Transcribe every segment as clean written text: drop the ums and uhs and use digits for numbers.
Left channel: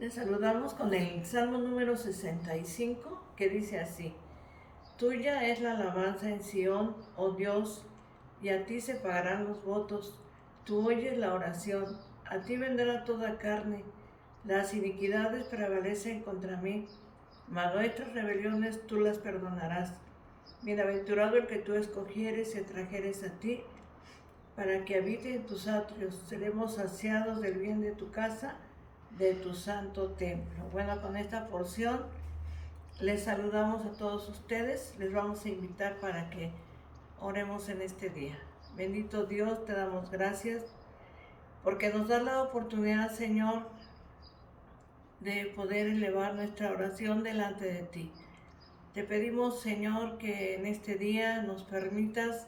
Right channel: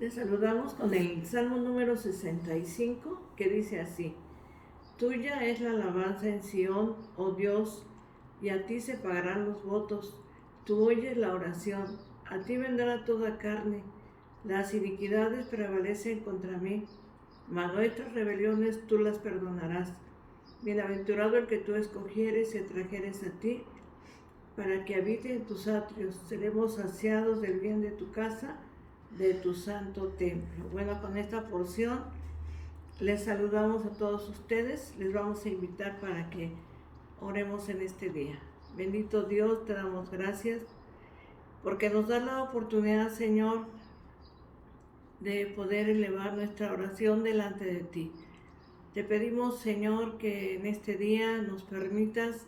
Les saludamos con el Salmo número 65, que dice así: Tuya es la alabanza en Sión, oh Dios, y a ti se pagarán los votos. Tú oyes la oración, a ti vendrá toda carne. Las iniquidades prevalecen contra mí, mas nuestras rebeliones tú las perdonarás. Bienaventurado el que tú escogieres y trajeres a ti, para que habite en tus atrios. Seremos saciados del bien de tu casa, de tu santo templo. Bueno, con esta porción les saludamos a todos ustedes. Les vamos a invitar para que oremos en este día. Bendito Dios, te damos gracias porque nos da la oportunidad, Señor, de poder elevar nuestra oración delante de ti. Te pedimos, Señor, que en este día nos permitas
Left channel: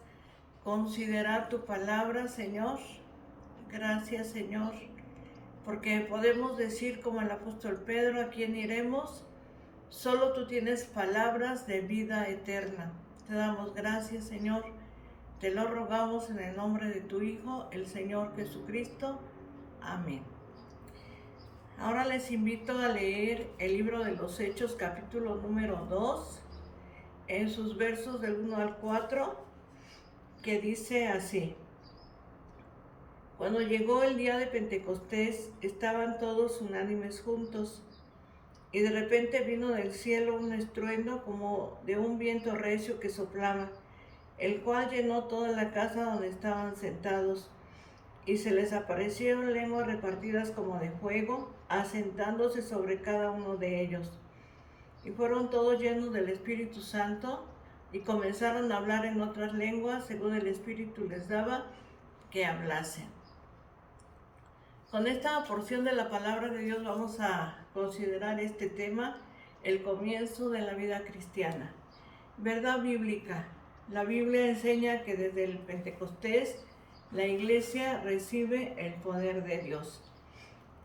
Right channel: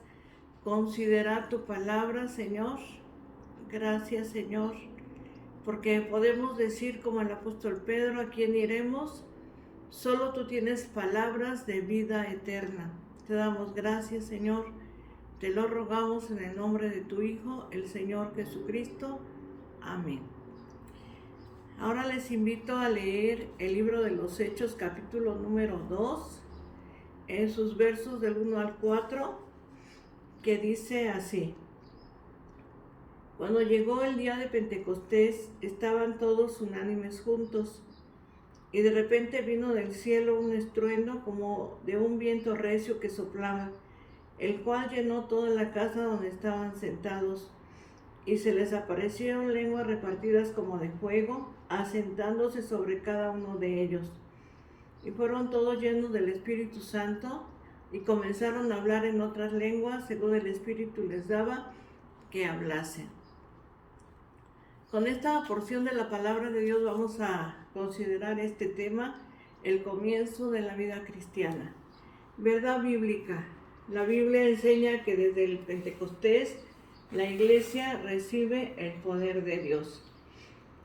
considerar tu palabra, Señor. Gracias, Señor, porque podemos decir como el apóstol Pedro: ¿a quién iremos? Solo tú tienes palabras de vida eterna. Te damos gracias, Señor. Te lo rogamos en el nombre de tu Hijo, el Señor Jesucristo. Amén. Ahora les invito a leer el libro de los Hechos, capítulo número 2, en sus versos del 1 al 4, que dice así: Cuando llegó el día de Pentecostés, estaban todos unánimes juntos, y de repente vino del cielo un estruendo como de un viento recio que soplaba, el cual llenó toda la casa donde estaban sentados, y se les aparecieron lenguas repartidas como de fuego, asentándose sobre cada uno de ellos. Y fueron todos llenos del Espíritu Santo, y comenzaron a hablar en otras lenguas, según el Espíritu les daba que hablasen. Con esta porción de la palabra de Dios vamos a considerar este tema: el comienzo de la vida cristiana. Verdad bíblica. La Biblia enseña que desde el Pentecostés la iglesia recibe el poder de Dios.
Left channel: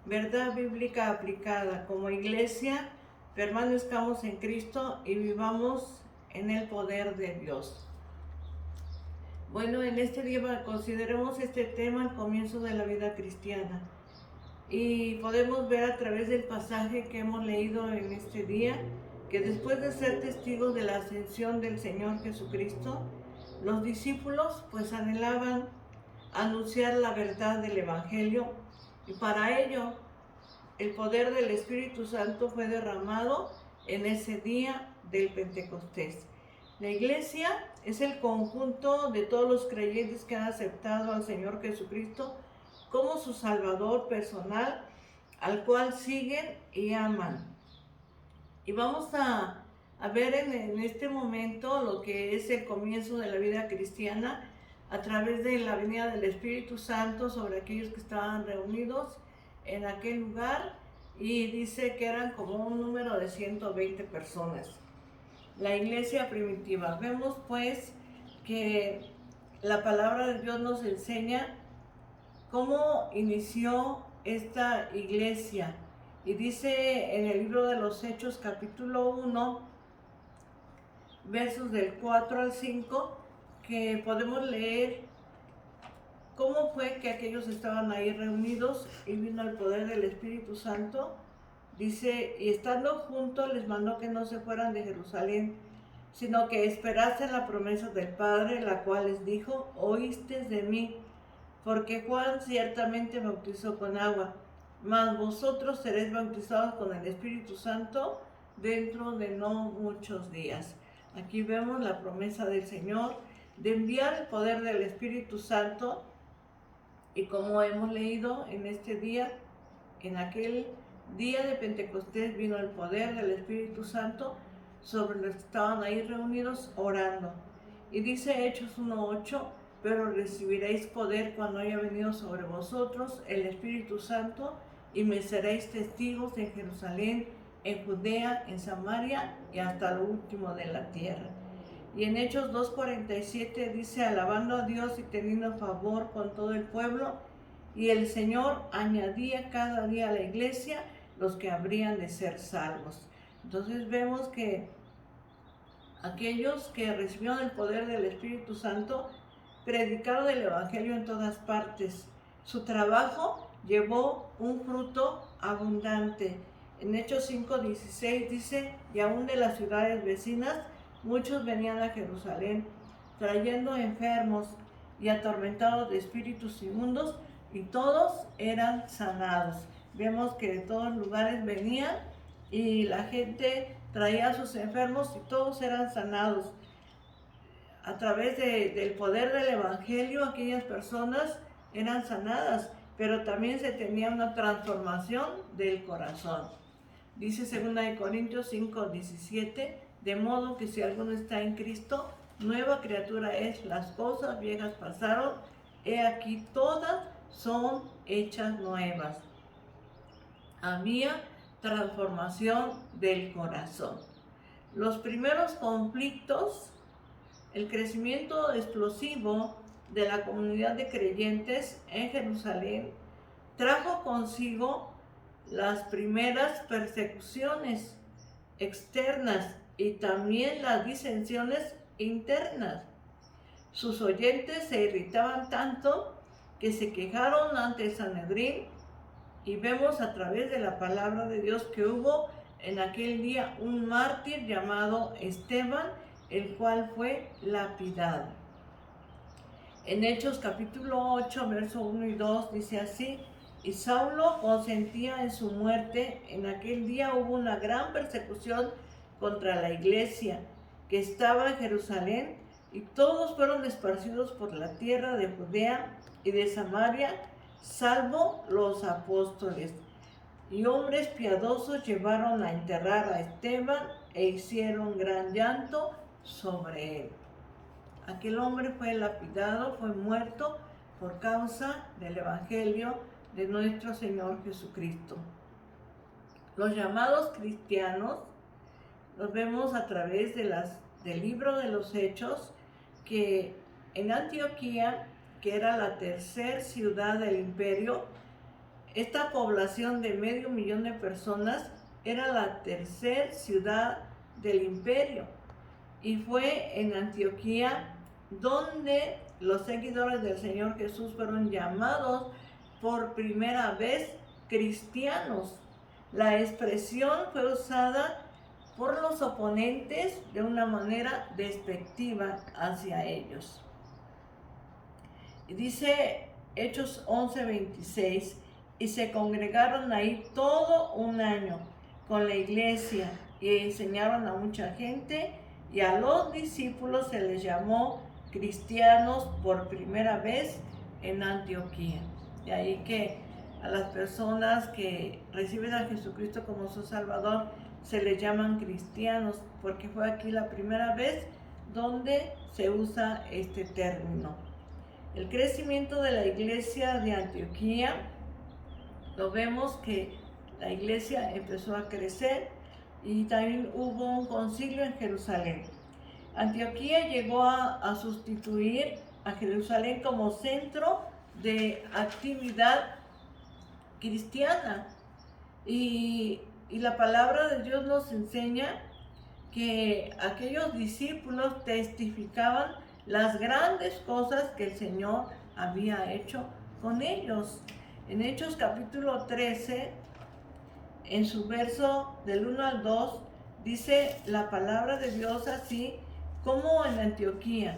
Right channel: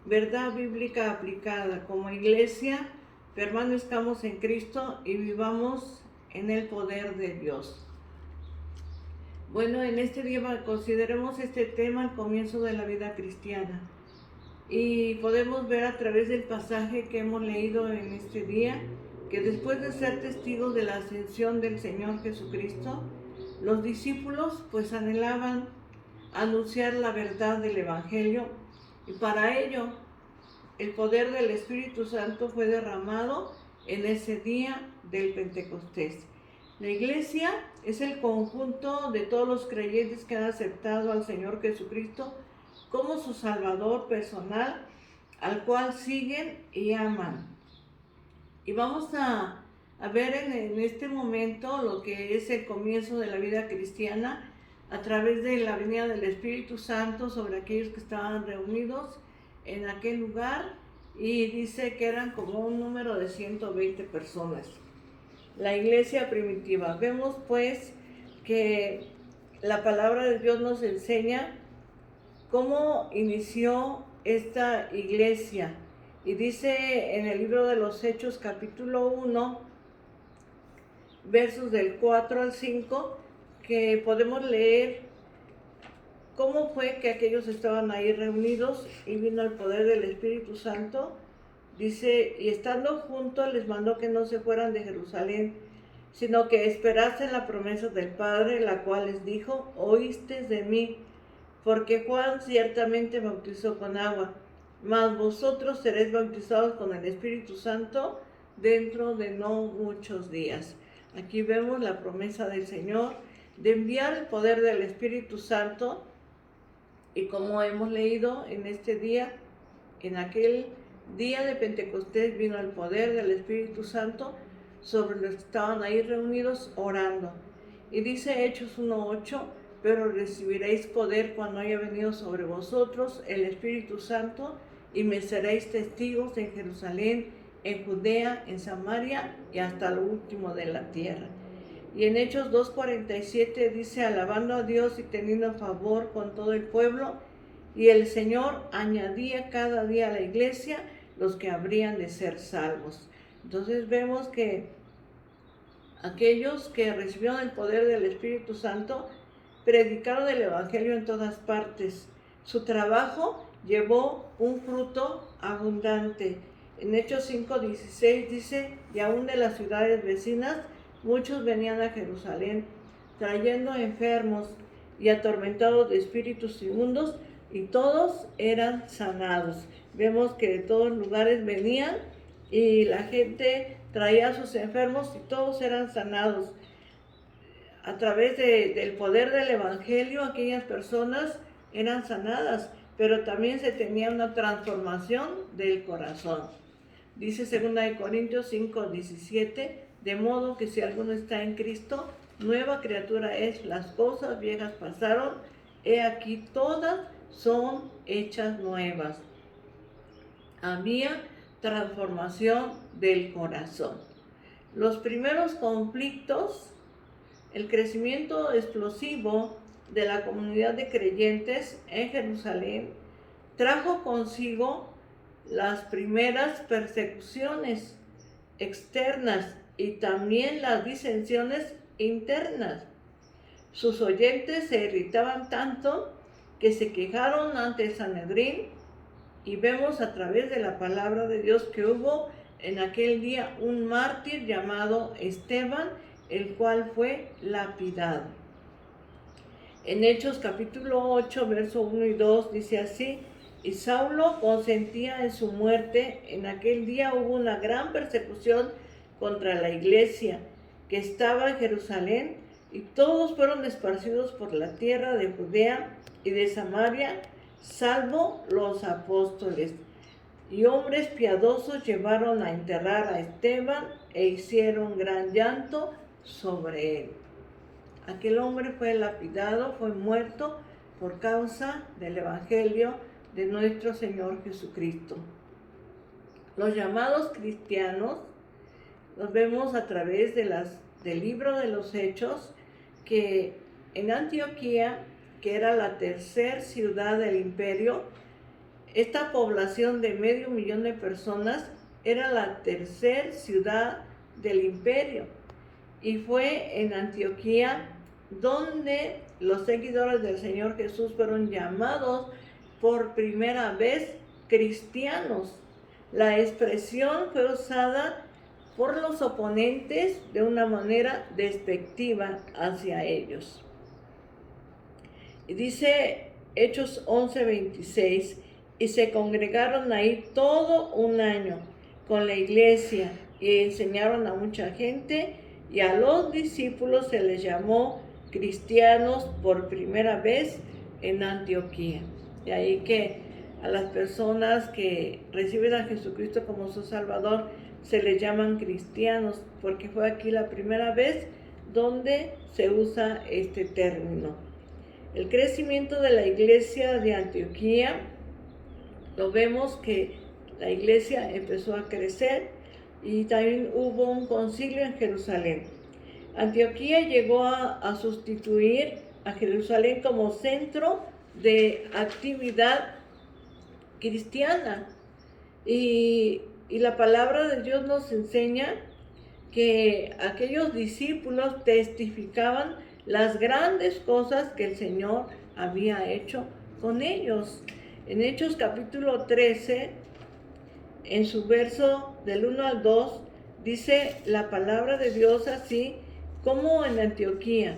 Verdad bíblica aplicada. Como iglesia, permanezcamos en Cristo y vivamos en el poder de Dios. Bueno, en este día consideremos este tema, el comienzo de la vida cristiana. Y podemos ver a través del pasaje que hemos leído en este día, que después de ser testigos de la ascensión del Señor Jesucristo, los discípulos pues anhelaban anunciar la verdad del Evangelio, y para ello el poder del Espíritu Santo fue derramado en ese día del Pentecostés. La iglesia es el conjunto de todos los creyentes que han aceptado al Señor Jesucristo como su Salvador personal, al cual siguen y aman. Y vamos a ver en este momento lo que es el comienzo de la vida cristiana a través de la venida del Espíritu Santo sobre aquellos que estaban reunidos en aquel lugar, y dice que eran como un número de 120 personas. La iglesia primitiva. Vemos pues que la palabra de Dios nos enseña cómo inició esta iglesia, y dice en el libro de los Hechos, capítulo 1, versos del 4 al 5, que podemos leer cómo fue que aquellos estaban ahí reunidos y vino el poder del Espíritu Santo. Dice: y estando juntos les mandó que no se fueran de Jerusalén, sino que esperasen la promesa del Padre, la cual les dijo: oísteis de mí, porque Juan ciertamente bautizó con agua, mas vosotros seréis bautizados con el Espíritu Santo dentro de no muchos días. Aquí vemos la promesa del Señor de enviar el poder del Espíritu Santo, y como hemos leído en este día, en aquel día de Pentecostés vino el poder del Espíritu Santo sobre los que estaban ahí reunidos orando. Y dice Hechos 1:8: pero recibiréis poder cuando haya venido sobre vosotros el Espíritu Santo, y me seréis testigos en Jerusalén, en Judea, en Samaria y hasta lo último de la tierra. Y en Hechos 2:47 dice: alabando a Dios y teniendo favor con todo el pueblo, y el Señor añadía cada día a la iglesia los que habrían de ser salvos. Entonces vemos que aquellos que recibieron el poder del Espíritu Santo predicaron el Evangelio en todas partes. Su trabajo llevó un fruto abundante. En Hechos 5:16 dice, y aún de las ciudades vecinas, muchos venían a Jerusalén, trayendo enfermos y atormentados de espíritus inmundos, y todos eran sanados. Vemos que de todos lugares venían y la gente traía a sus enfermos y todos eran sanados. A través del poder del Evangelio, aquellas personas eran sanadas, pero también se tenía una transformación del corazón. Dice 2 Corintios 5:17, de modo que si alguno está en Cristo, nueva criatura es, las cosas viejas pasaron, he aquí todas son hechas nuevas. Había transformación del corazón. Los primeros conflictos, el crecimiento explosivo de la comunidad de creyentes en Jerusalén trajo consigo las primeras persecuciones externas y también las disensiones internas. Sus oyentes se irritaban tanto que se quejaron ante el Sanedrín, y vemos a través de la palabra de Dios que hubo en aquel día un mártir llamado Esteban, el cual fue lapidado. En Hechos capítulo 8, verso 1 y 2 dice así, y Saulo consentía en su muerte. En aquel día hubo una gran persecución contra la iglesia que estaba en Jerusalén, y todos fueron esparcidos por la tierra de Judea y de Samaria, salvo los apóstoles. Y hombres piadosos llevaron a enterrar a Esteban e hicieron gran llanto sobre él. Aquel hombre fue lapidado, fue muerto por causa del Evangelio de nuestro Señor Jesucristo. Los llamados cristianos los vemos a través del libro de los Hechos, que en Antioquía, que era la tercera ciudad del imperio, esta población de 500,000 de personas era la tercera ciudad del imperio, y fue en Antioquía donde los seguidores del Señor Jesús fueron llamados por primera vez cristianos. La expresión fue usada por los oponentes de una manera despectiva hacia ellos. Y dice Hechos 11:26, y se congregaron ahí todo un año con la iglesia y enseñaron a mucha gente, y a los discípulos se les llamó cristianos por primera vez en Antioquía. De ahí que a las personas que reciben a Jesucristo como su Salvador se les llaman cristianos, porque fue aquí la primera vez donde se usa este término. El crecimiento de la iglesia de Antioquía, lo vemos que la iglesia empezó a crecer, y también hubo un concilio en Jerusalén. Antioquía llegó a sustituir a Jerusalén como centro de actividad cristiana, y la palabra de Dios nos enseña que aquellos discípulos testificaban las grandes cosas que el Señor había hecho con ellos. En Hechos capítulo 13, en su verso del 1 al 2, dice la palabra de Dios así, como en Antioquía,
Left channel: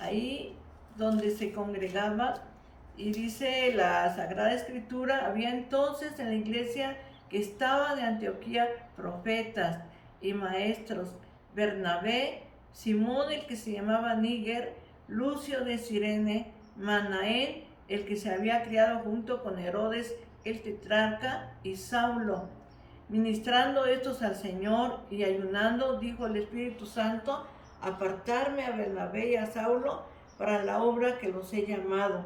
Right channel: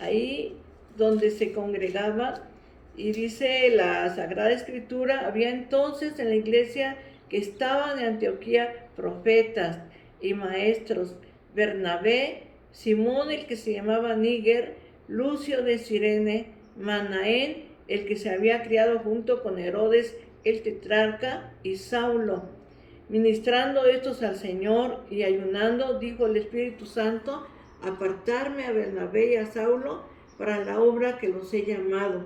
ahí donde se congregaba, y dice la Sagrada Escritura, había entonces en la iglesia que estaba de Antioquía profetas y maestros, Bernabé, Simón el que se llamaba Níger, Lucio de Cirene, Manaén el que se había criado junto con Herodes el tetrarca, y Saulo. Ministrando estos al Señor y ayunando, dijo el Espíritu Santo, apartarme a Bernabé y a Saulo para la obra que los he llamado.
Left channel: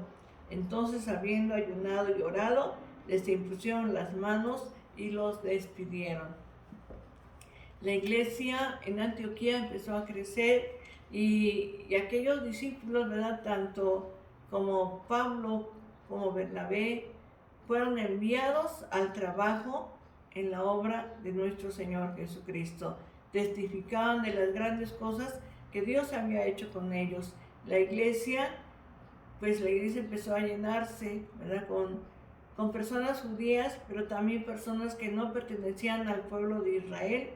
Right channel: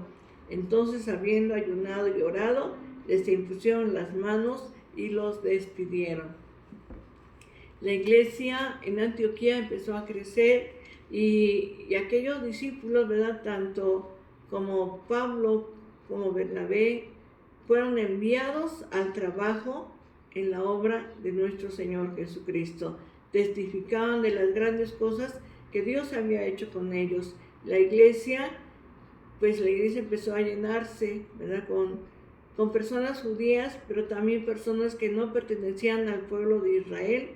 Entonces, habiendo ayunado y orado, les impusieron las manos y los despidieron. La iglesia en Antioquía empezó a crecer, y aquellos discípulos, ¿verdad?, tanto como Pablo como Bernabé, fueron enviados al trabajo en la obra de nuestro Señor Jesucristo. Testificaban de las grandes cosas que Dios había hecho con ellos. La iglesia empezó a llenarse, ¿verdad?, con personas judías, pero también personas que no pertenecían al pueblo de Israel.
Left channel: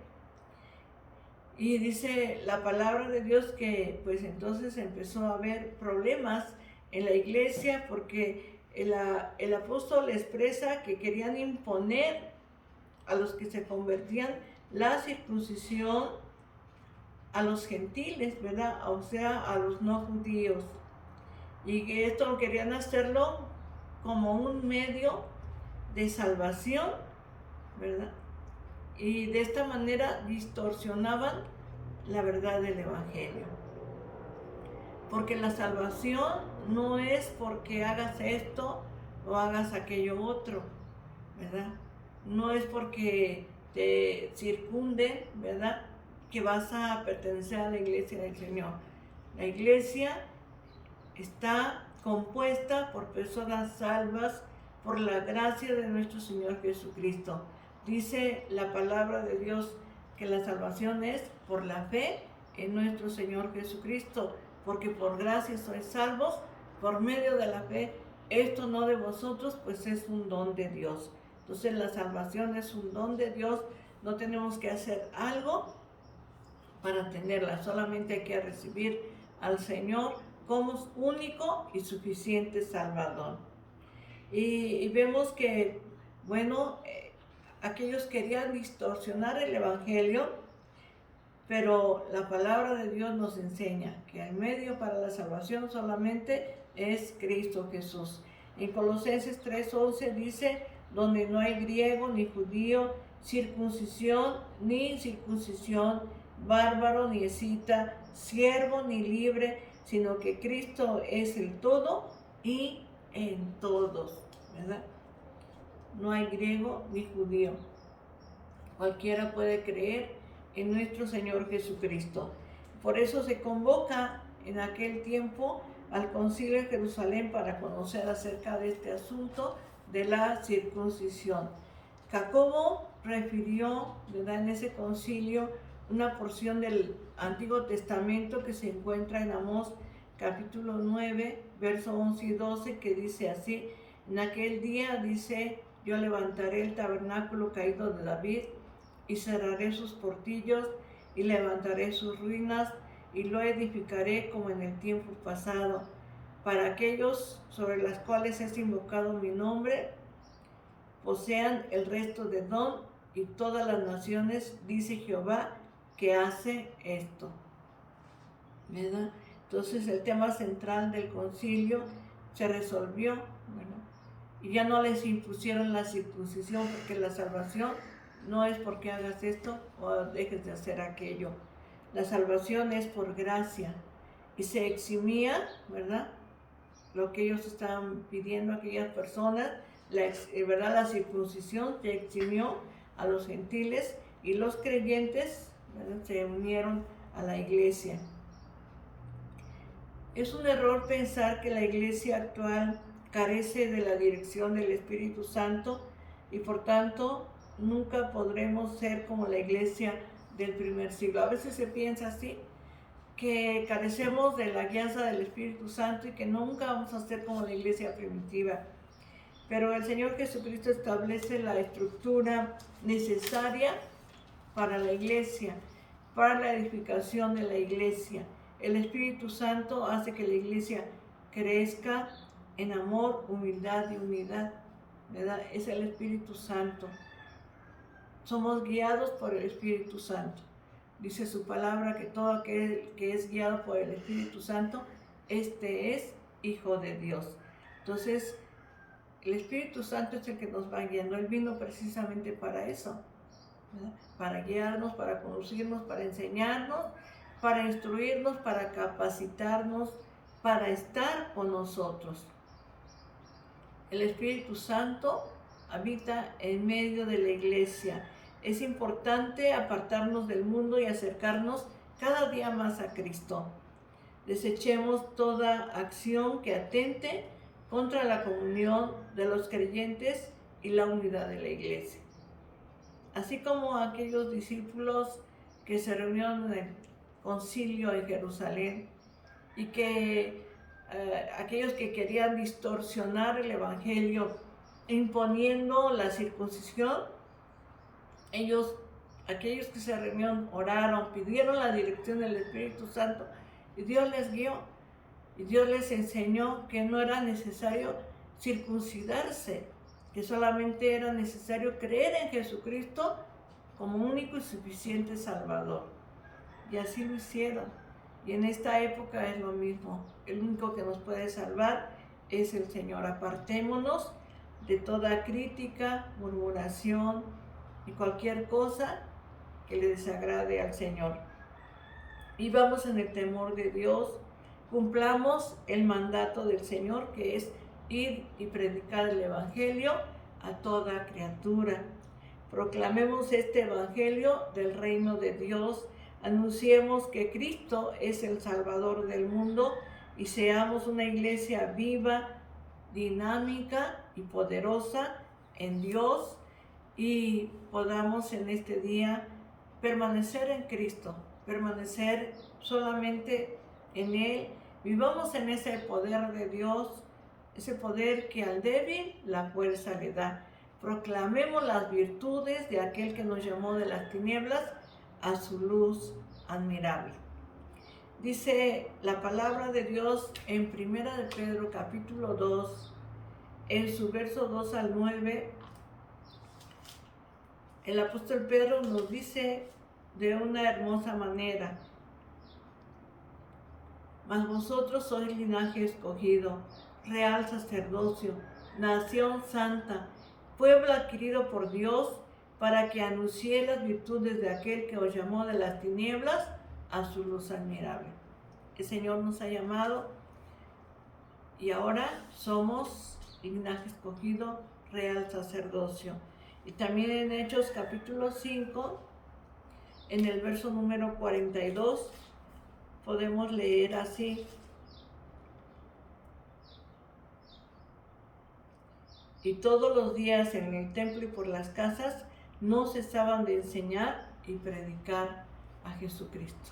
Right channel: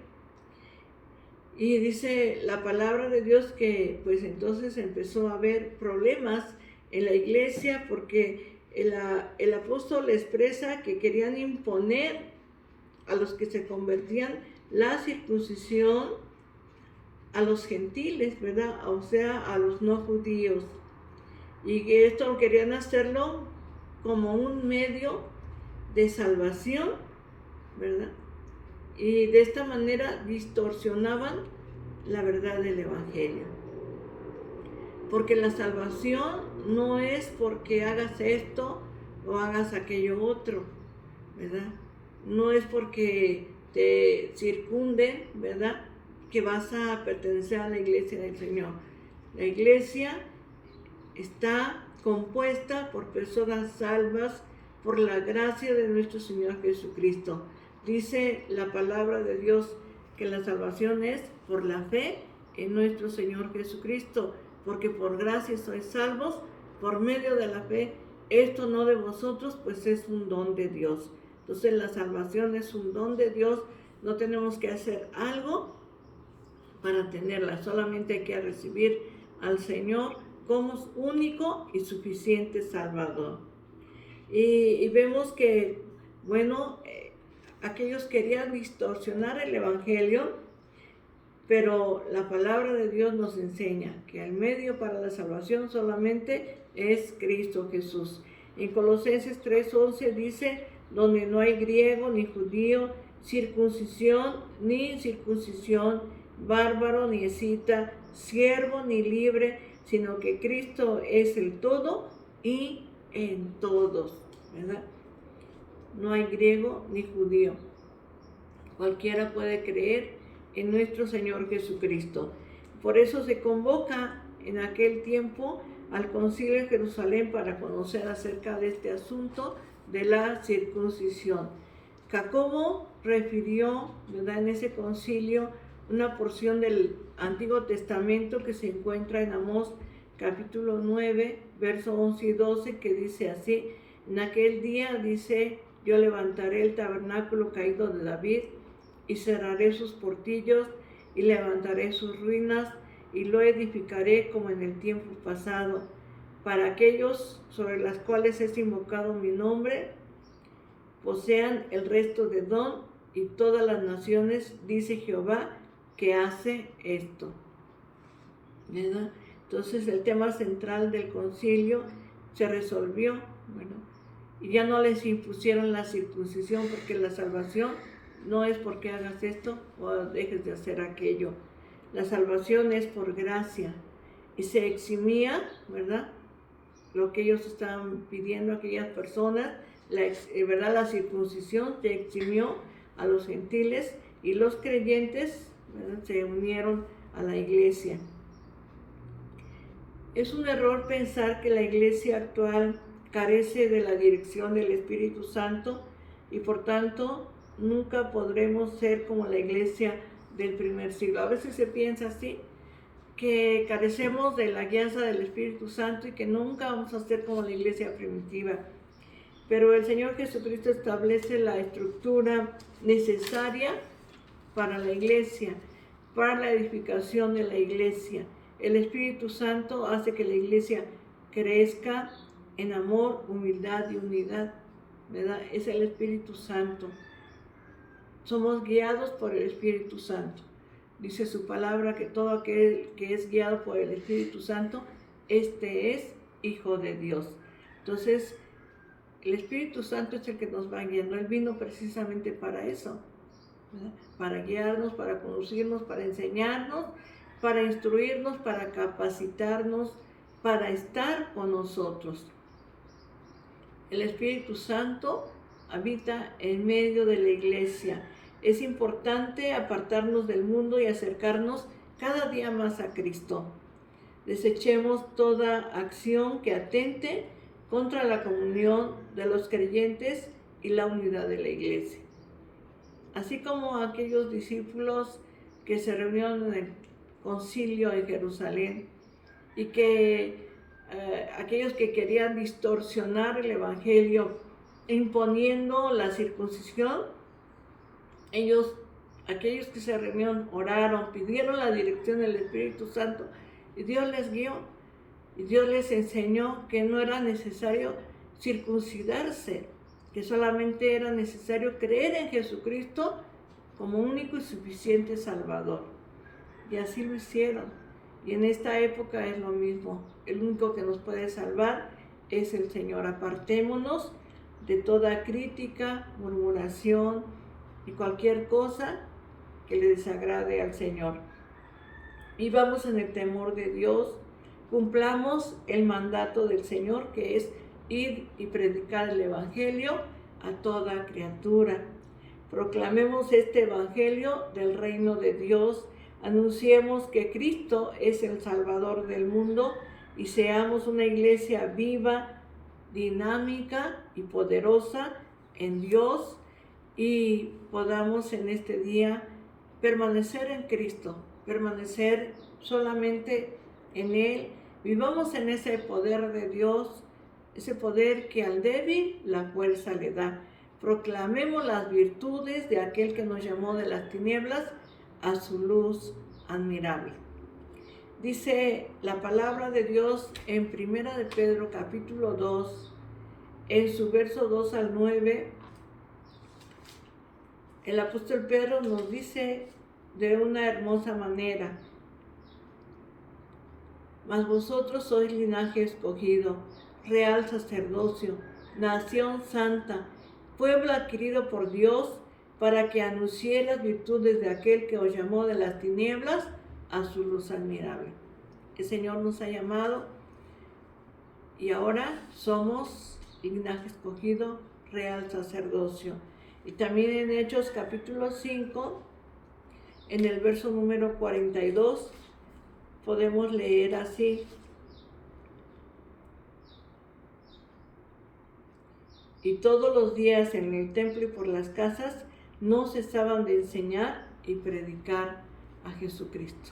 Y dice la palabra de Dios que pues entonces empezó a haber problemas en la iglesia porque el apóstol expresa que querían imponer a los que se convertían la circuncisión a los gentiles, ¿verdad? O sea, a los no judíos. Y que esto querían hacerlo como un medio de salvación, ¿verdad? Y de esta manera distorsionaban la verdad del evangelio. Porque la salvación no es porque hagas esto o hagas aquello otro, ¿verdad? No es porque te circunden, ¿verdad?, que vas a pertenecer a la iglesia del Señor. La iglesia está compuesta por personas salvas por la gracia de nuestro Señor Jesucristo. Dice la palabra de Dios que la salvación es por la fe en nuestro Señor Jesucristo, porque por gracia sois salvos por medio de la fe. Esto no de vosotros, pues es un don de Dios. Entonces la salvación es un don de Dios, no tenemos que hacer algo para tenerla, solamente hay que recibir al Señor como único y suficiente Salvador. Y vemos que, bueno, aquellos querían distorsionar el Evangelio, pero la palabra de Dios nos enseña que el medio para la salvación solamente es Cristo Jesús. En Colosenses 3:11 dice, donde no hay griego ni judío, circuncisión ni incircuncisión, bárbaro ni escita, siervo ni libre, sino que Cristo es el todo y en todos, ¿verdad? No hay griego ni judío. Cualquiera puede creer en nuestro Señor Jesucristo. Por eso se convoca en aquel tiempo al Concilio de Jerusalén para conocer acerca de este asunto de la circuncisión. Jacobo refirió, ¿verdad?, en ese concilio una porción del Antiguo Testamento que se encuentra en Amós capítulo 9, versos 11 y 12, que dice así: en aquel día, dice, yo levantaré el tabernáculo caído de David y cerraré sus portillos y levantaré sus ruinas y lo edificaré como en el tiempo pasado, para aquellos sobre las cuales es invocado mi nombre, posean el resto de Edom y todas las naciones, dice Jehová, que hace esto. ¿Verdad? Entonces el tema central del concilio se resolvió, ¿verdad? Y ya no les impusieron la circuncisión, porque la salvación no es porque hagas esto o dejes de hacer aquello. La salvación es por gracia. Y se eximía, ¿verdad?, lo que ellos estaban pidiendo a aquellas personas, ¿verdad?, la circuncisión se eximió a los gentiles y los creyentes, ¿verdad?, se unieron a la iglesia. Es un error pensar que la iglesia actual carece de la dirección del Espíritu Santo y por tanto nunca podremos ser como la iglesia del primer siglo. A veces se piensa así, que carecemos de la guianza del Espíritu Santo y que nunca vamos a ser como la iglesia primitiva. Pero el Señor Jesucristo establece la estructura necesaria para la iglesia, para la edificación de la iglesia. El Espíritu Santo hace que la iglesia crezca en amor, humildad y unidad, ¿verdad? Es el Espíritu Santo. Somos guiados por el Espíritu Santo. Dice su palabra que todo aquel que es guiado por el Espíritu Santo, este es hijo de Dios. Entonces, el Espíritu Santo es el que nos va guiando. Él vino precisamente para eso, ¿verdad?, para guiarnos, para conducirnos, para enseñarnos, para instruirnos, para capacitarnos, para estar con nosotros. El Espíritu Santo habita en medio de la iglesia. Es importante apartarnos del mundo y acercarnos cada día más a Cristo. Desechemos toda acción que atente contra la comunión de los creyentes y la unidad de la iglesia. Así como aquellos discípulos que se reunieron en el concilio en Jerusalén y que aquellos que querían distorsionar el evangelio imponiendo la circuncisión, aquellos que se reunieron, oraron, pidieron la dirección del Espíritu Santo y Dios les guió. Y Dios les enseñó que no era necesario circuncidarse, que solamente era necesario creer en Jesucristo como único y suficiente Salvador. Y así lo hicieron. Y en esta época es lo mismo. El único que nos puede salvar es el Señor. Apartémonos de toda crítica, murmuración y cualquier cosa que le desagrade al Señor. Vivamos en el temor de Dios. Cumplamos el mandato del Señor, que es ir y predicar el Evangelio a toda criatura. Proclamemos este Evangelio del reino de Dios. Anunciemos que Cristo es el Salvador del mundo y seamos una iglesia viva, dinámica y poderosa en Dios, y podamos en este día permanecer en Cristo, permanecer solamente en Él. Vivamos en ese poder de Dios, ese poder que al débil la fuerza le da. Proclamemos las virtudes de aquel que nos llamó de las tinieblas a su luz admirable. Dice la palabra de Dios en 1 de Pedro capítulo 2, en su verso 2 al 9, el apóstol Pedro nos dice de una hermosa manera: mas vosotros sois linaje escogido, real sacerdocio, nación santa, pueblo adquirido por Dios, para que anuncie las virtudes de aquel que os llamó de las tinieblas a su luz admirable. El Señor nos ha llamado y ahora somos linaje escogido, real sacerdocio. Y también en Hechos capítulo 5, en el verso número 42, podemos leer así: y todos los días en el templo y por las casas no cesaban de enseñar y predicar a Jesucristo.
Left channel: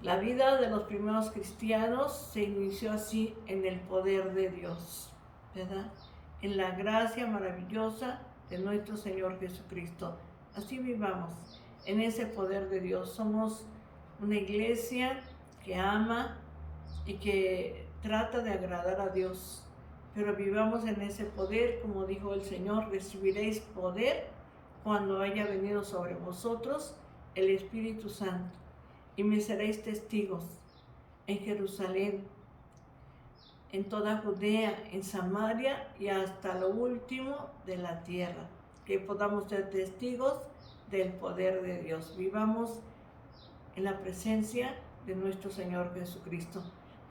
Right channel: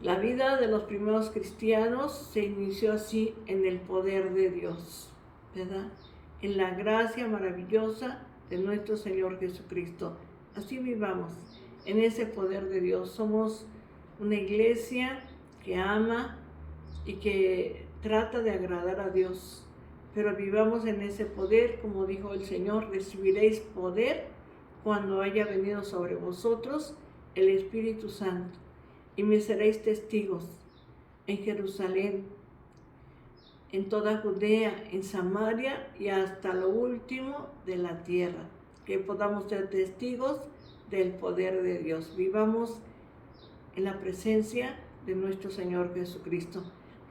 La vida de los primeros cristianos se inició así, en el poder de Dios, ¿verdad? En la gracia maravillosa de nuestro Señor Jesucristo. Así vivamos en ese poder de Dios. Somos una iglesia que ama y que trata de agradar a Dios, pero vivamos en ese poder, como dijo el Señor: recibiréis poder cuando haya venido sobre vosotros el Espíritu Santo, y me seréis testigos en Jerusalén, en toda Judea, en Samaria y hasta lo último de la tierra. Que podamos ser testigos del poder de Dios. Vivamos en la presencia de nuestro Señor Jesucristo.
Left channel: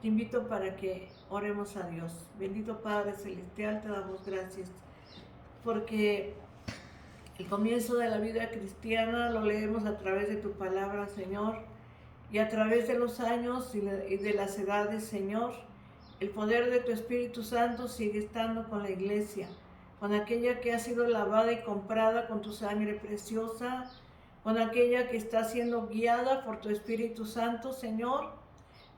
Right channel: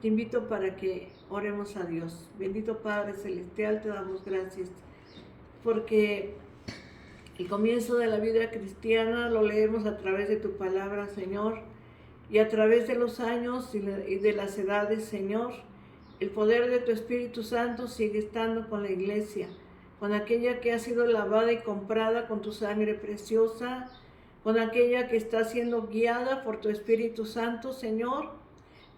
Te invito para que oremos a Dios. Bendito Padre Celestial, te damos gracias porque el comienzo de la vida cristiana lo leemos a través de tu palabra, Señor, y a través de los años y de las edades, Señor. El poder de tu Espíritu Santo sigue estando con la iglesia, con aquella que ha sido lavada y comprada con tu sangre preciosa, con aquella que está siendo guiada por tu Espíritu Santo, Señor,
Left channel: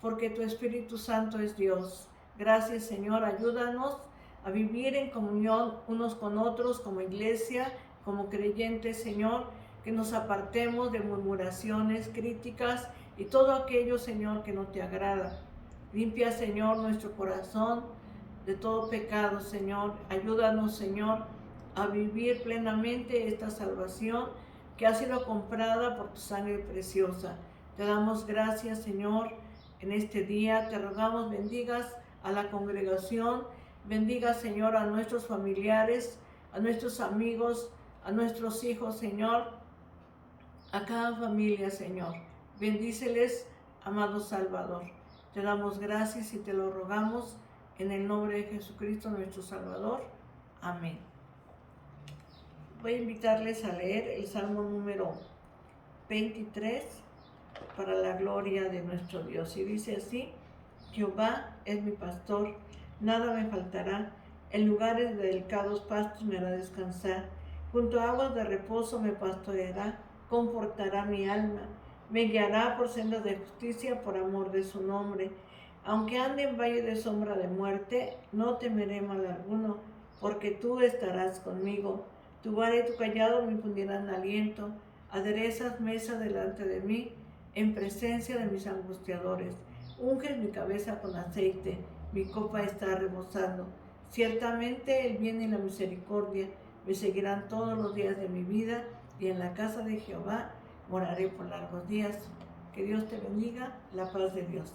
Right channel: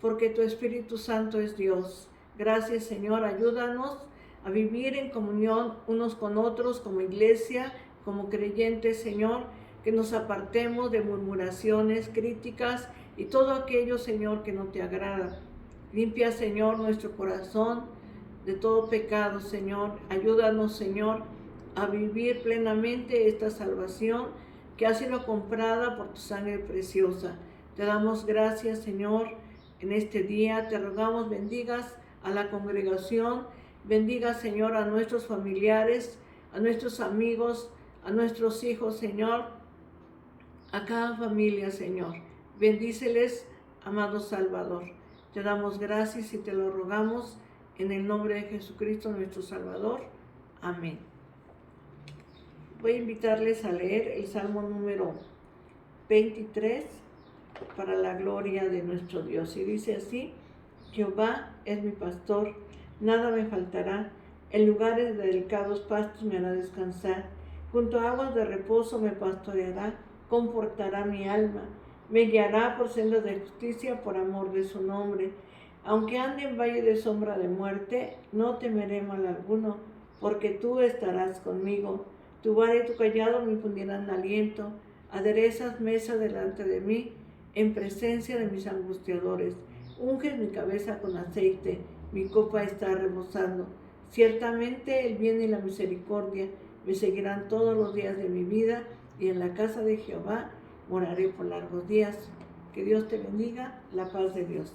porque tu Espíritu Santo es Dios. Gracias, Señor. Ayúdanos a vivir en comunión unos con otros como iglesia, como creyentes, Señor, que nos apartemos de murmuraciones, críticas y todo aquello, Señor, que no te agrada. Limpia, Señor, nuestro corazón de todo pecado, Señor. Ayúdanos, Señor, a vivir plenamente esta salvación que ha sido comprada por tu sangre preciosa. Te damos gracias, Señor, en este día. Te rogamos bendigas a la congregación, bendiga, Señor, a nuestros familiares, a nuestros amigos, a nuestros hijos, Señor, a cada familia, Señor. Bendíceles, amado Salvador. Te damos gracias y te lo rogamos en el nombre de Jesucristo, nuestro Salvador. Amén. Voy a invitarles a leer el Salmo número 23 para la gloria de nuestro Dios. Y dice así: Jehová es mi pastor, nada me faltará. En lugares de delicados pastos me hará descansar. Junto a aguas de reposo me pastoreará, confortará mi alma. Me guiará por sendas de justicia por amor de su nombre. Aunque ande en valle de sombra de muerte, no temeré mal alguno, porque tú estarás conmigo. Tu vara y tu callado me infundirán aliento. Aderezas mesa delante de mí, en presencia de mis angustiadores. Unges mi cabeza con aceite, mi copa está rebosando. Ciertamente el bien y la misericordia me seguirán todos los días de mi vida, y en la casa de Jehová moraré por largos días. Que Dios te bendiga, la paz de Dios.